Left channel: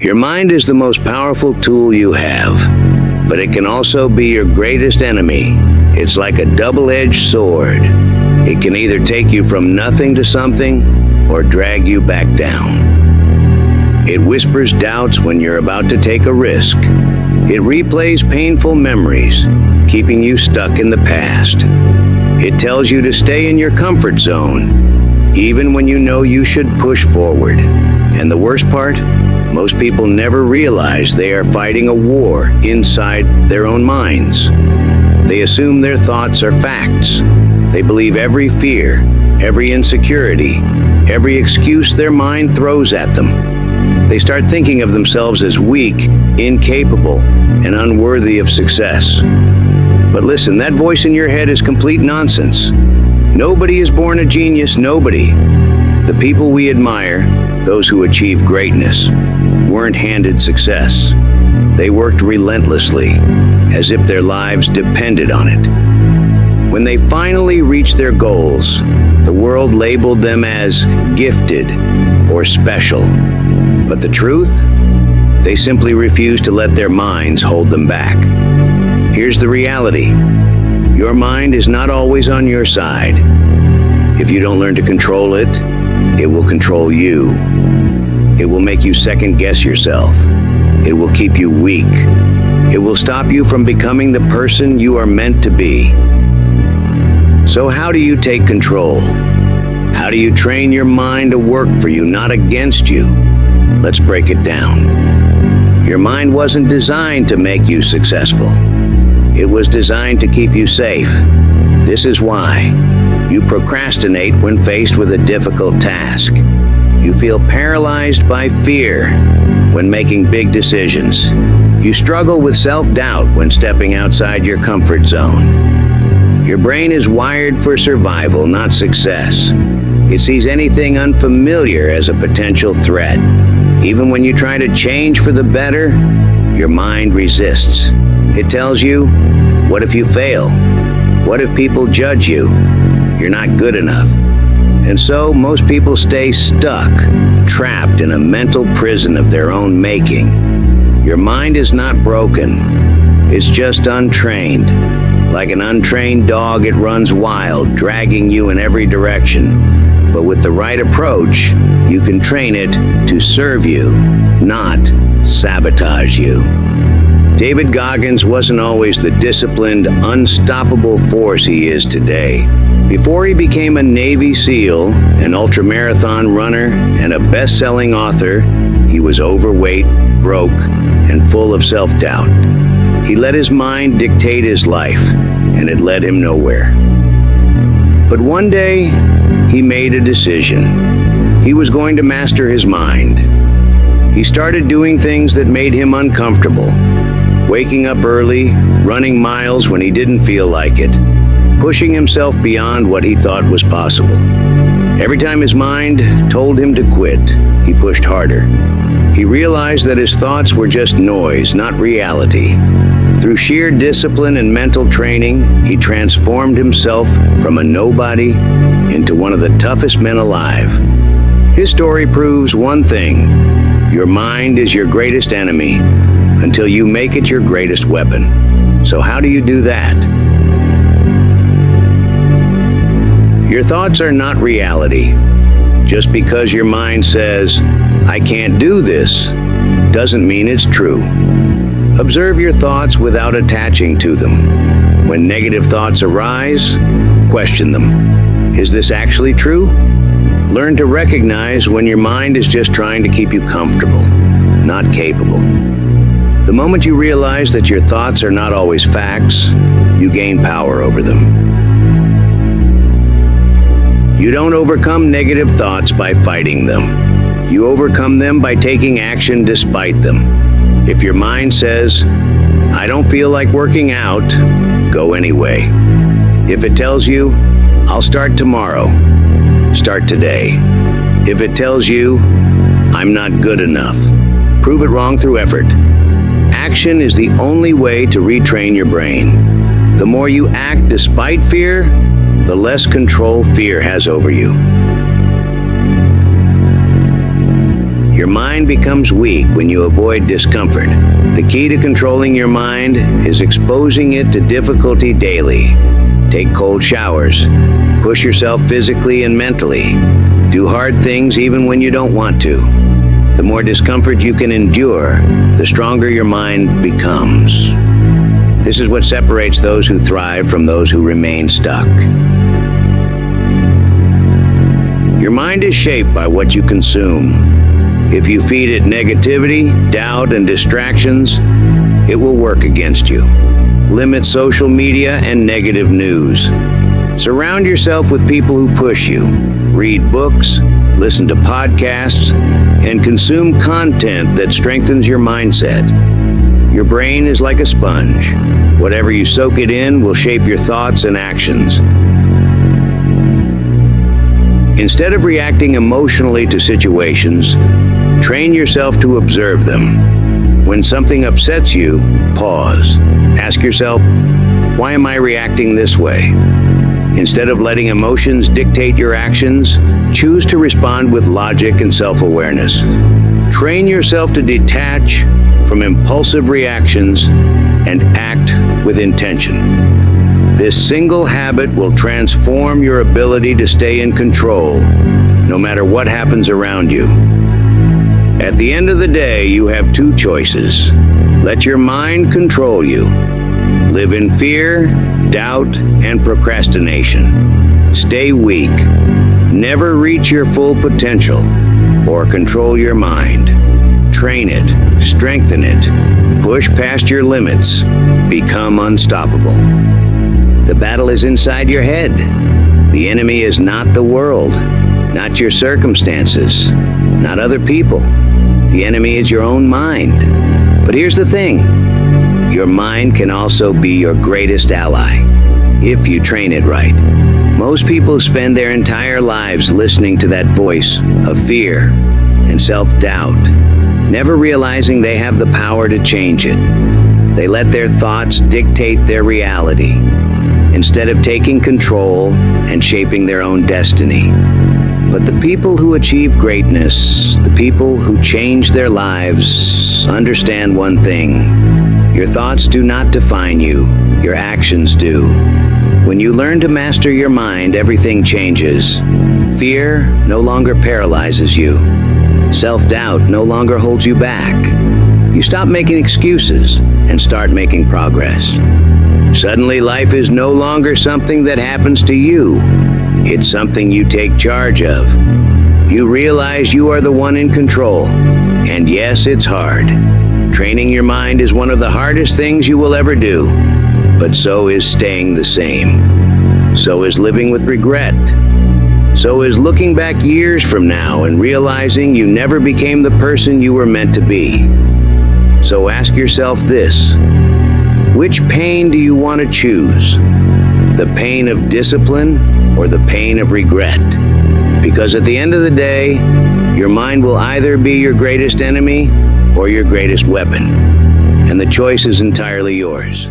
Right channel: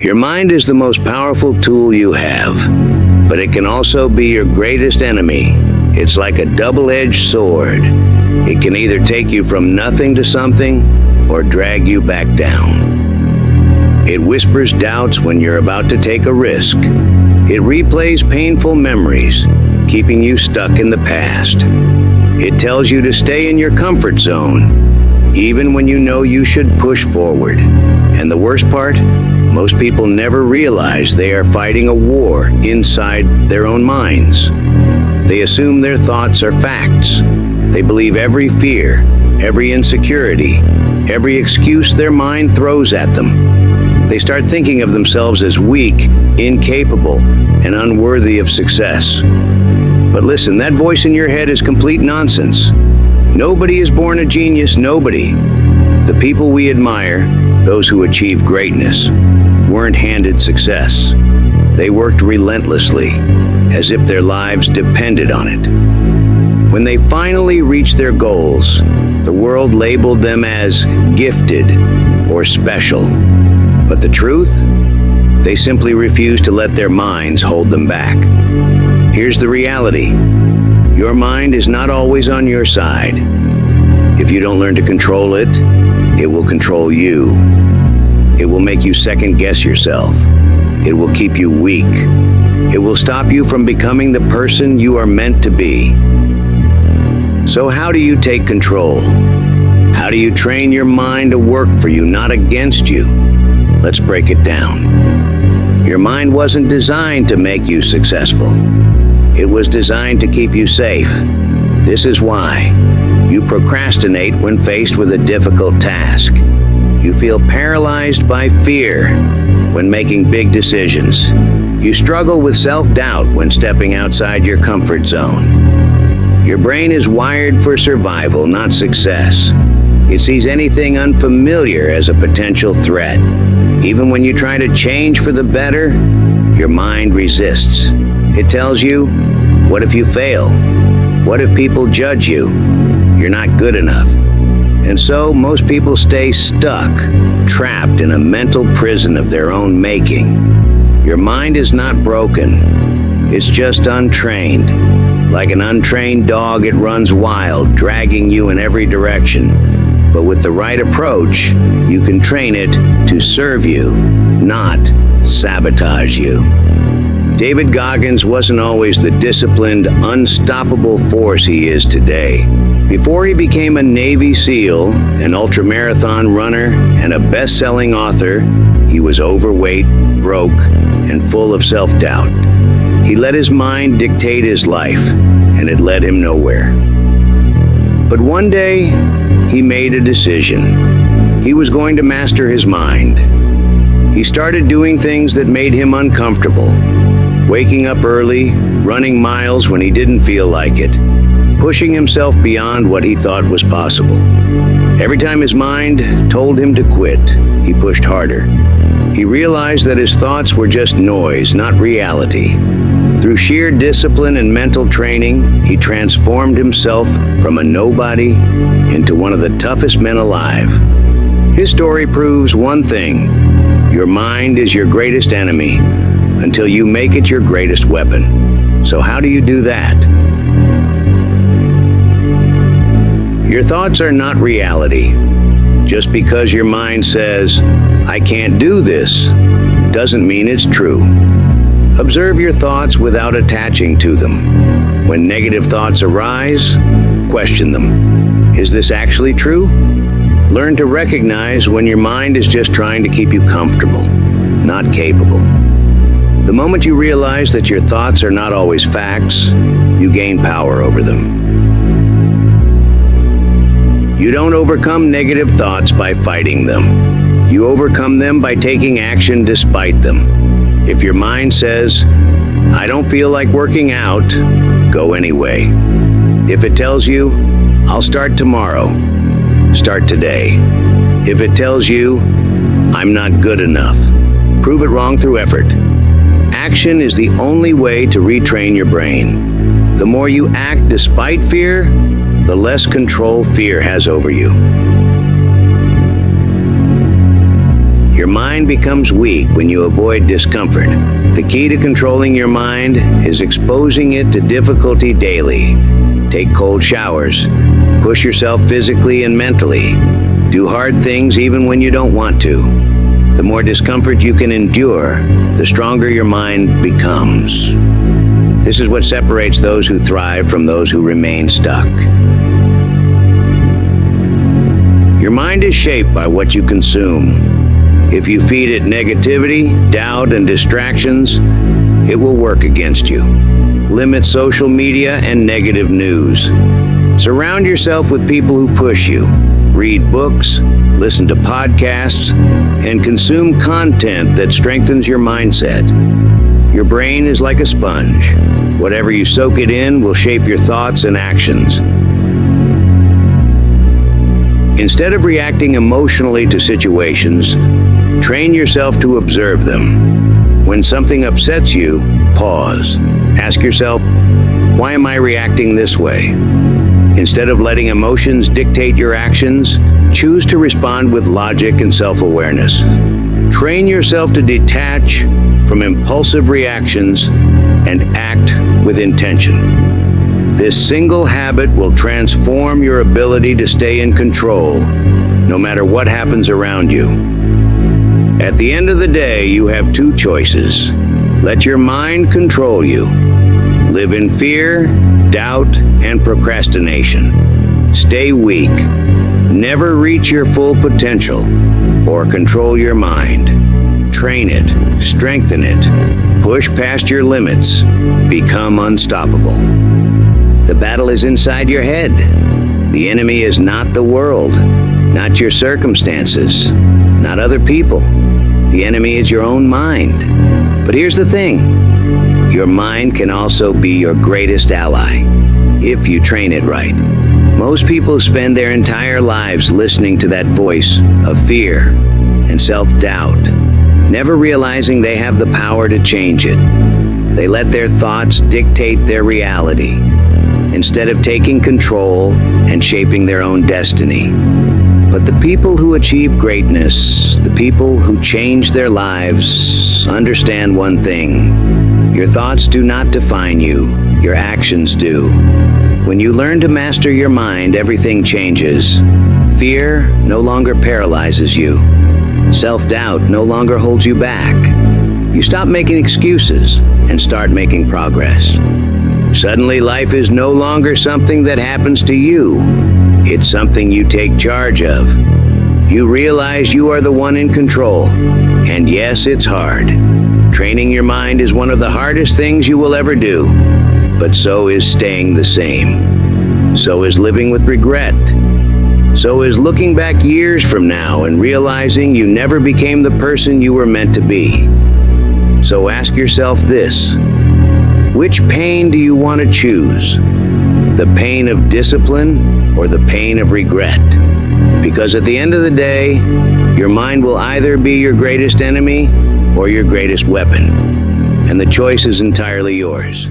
Your mind is the most powerful tool you have, but it can also be your greatest enemy. It's like a double-edged sword. It can either take you from nothing to something or drag you back down. It whispers doubts when you're about to take a risk. It replays painful memories, keeping you stuck in the past. It tells you to stay in your comfort zone, even when you know you should push forward. And the worst part? Most people never realize they are fighting a war inside their own minds. They assume their thoughts are facts. They believe every fear, every insecurity, every excuse their mind throws at them. They start thinking of themselves as weak, incapable, and unworthy of success. But listen, that voice in your head is complete nonsense. Nobody is born a genius, nobody. The people we admire, those who achieve greatness, weren't handed success. They worked relentlessly, as if their lives depended on it. When they finally reached their goals, the world labeled them as gifted or special. But the truth? They simply refused to let their minds hold them back. Here's the reality. Your mind is not always on your side. If you don't learn to control it, it will control you. It will make you second-guess yourself. It will keep you weak. It will stop you from becoming the person you are meant to be. So how do you take control? How do you train your mind to work for you, not against you? Let's break it down. Your mind wasn't designed to make you successful. It was designed to keep you safe. This is why you procrastinate when faced with a difficult task. You feel paralyzed by fear when making big decisions. You struggle with self-doubt when stepping outside your comfort zone. Your brain is wired for survival, not success. It sees anything unfamiliar as a potential threat. Even when you try to change for the better, your mind resists. It tells you, what if you fail? What if people judge you? You're not good enough. And so most people stay stuck, trapped in a mental prison of their own making. Your mind is not broken. It's just untrained. Like an untrained dog, it runs wild, dragging you in every direction. But with the right approach, you can train it to serve you, not sabotage you. David Goggins wasn't always the disciplined, unstoppable force he is today. Before he became a Navy SEAL, an ultramarathon runner, and a best-selling author, he was overweight, broke, and full of self-doubt. He let his mind dictate his life, and it led him nowhere. But one day, he made a decision. He was going to master his mind. He started doing things that made him uncomfortable. Waking up early, running miles when he didn't feel like it, pushing himself beyond what he thought was possible. Every time his mind told him to quit, he pushed harder. He realized that his thoughts were just noise, not reality. Through sheer discipline and mental training, he transformed himself from a nobody into one of the toughest men alive. His story proves one thing: your mind is your greatest enemy until you make it your greatest weapon. So how do you do that? Your thoughts are not reality. Just because your mind says, "I can't do this," doesn't mean it's true. Observe your thoughts without attaching to them. When negative thoughts arise, question them. Is this actually true? Learn to recognize when your mind is just trying to keep you comfortable, not capable. The moment you realize that your thoughts are not always facts, you gain power over them. You don't overcome negative thoughts by fighting them. You overcome them by taking action despite them. If your mind says, "I don't feel like working out," go anyway. If it tells you, "I'll start tomorrow," start today. If it tells you, "I'm not good enough," prove it wrong through effort. Action is the only way to retrain your brain. The more you act despite fear, the less control fear has over you. Your mind becomes weak when you avoid discomfort. The key to controlling your mind is exposing it to difficulty daily. Take cold showers. Push yourself physically and mentally. Do hard things even when you don't want to. The more discomfort you can endure, the stronger your mind becomes. This is what separates those who thrive from those who remain stuck. Your mind is shaped by what you consume. If you feed it negativity, doubt, and distractions, it will work against you. Limit social media and negative news. Surround yourself with people who push you. Read books, listen to podcasts, and consume content that strengthens your mindset. Your brain is like a sponge. Whatever you soak it in will shape your thoughts and actions. Instead of reacting emotionally to situations, train yourself to observe them. When something upsets you, pause. Ask yourself, why am I reacting this way? Instead of letting emotions dictate your actions, choose to respond with logic and self-awareness. Train yourself to detach from impulsive reactions and act with intention. This single habit will transform your ability to stay in control, no matter what happens around you. At the end of the day, you have two choices. Let your mind control you. Live in fear, doubt, and procrastination. Stay weak. Never reach your full potential or control your mind. Train it, strengthen it, push past your limits, become unstoppable. The battle is inside your head. The enemy is not the world, not your circumstances, not other people. The enemy is your own mind. But here's the thing. Your mind can also be your greatest ally, if you train it right. Most people spend their entire lives listening to that voice of fear and self-doubt, never realizing they have the power to change it. They let their thoughts dictate their reality, instead of taking control and shaping their own destiny. But the people who achieve greatness, the people who change their lives, understand one thing. Your thoughts do not define you, your actions do. When you learn to master your mind, everything changes. Fear no longer paralyzes you. Self-doubt no longer holds you back. You stop making excuses and start making progress. Suddenly, life is no longer something that happens to you. It's something you take charge of. You realize you are the one in control. And yes, it's hard. Training your mind is one of the hardest things you will ever do. But so is staying the same. So is living with regret. So is looking back years from now and realizing you never became the person you were meant to be. So ask yourself this. Which pain do you want to choose? The pain of discipline or the pain of regret? Because at the end of the day, your mind will either be your greatest enemy or your greatest weapon. And the choice is entirely yours.